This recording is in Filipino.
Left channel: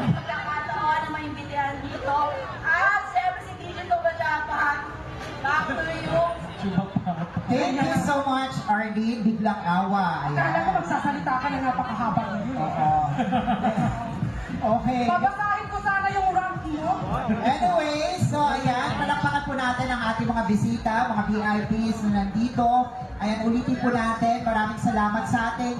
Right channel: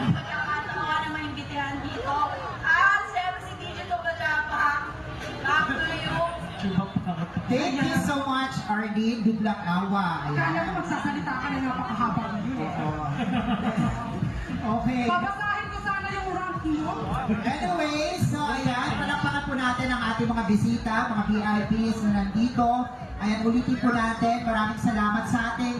ng pagkakataon na maimbitahan dito. At siyempre si DJ Tugatapa. Back to you. Thank you so much, Arlene. Biglang awa. Akala ko magsasalita ka ng napakahaba ng yun. Oo. Okay. Babasahin ko sana yung rank mo. Anyway, so ayan, palakpakan po natin ang ating mga bisita, mga VIPs na nandito. Ayan, ulitin po natin. Maraming salamat sa ating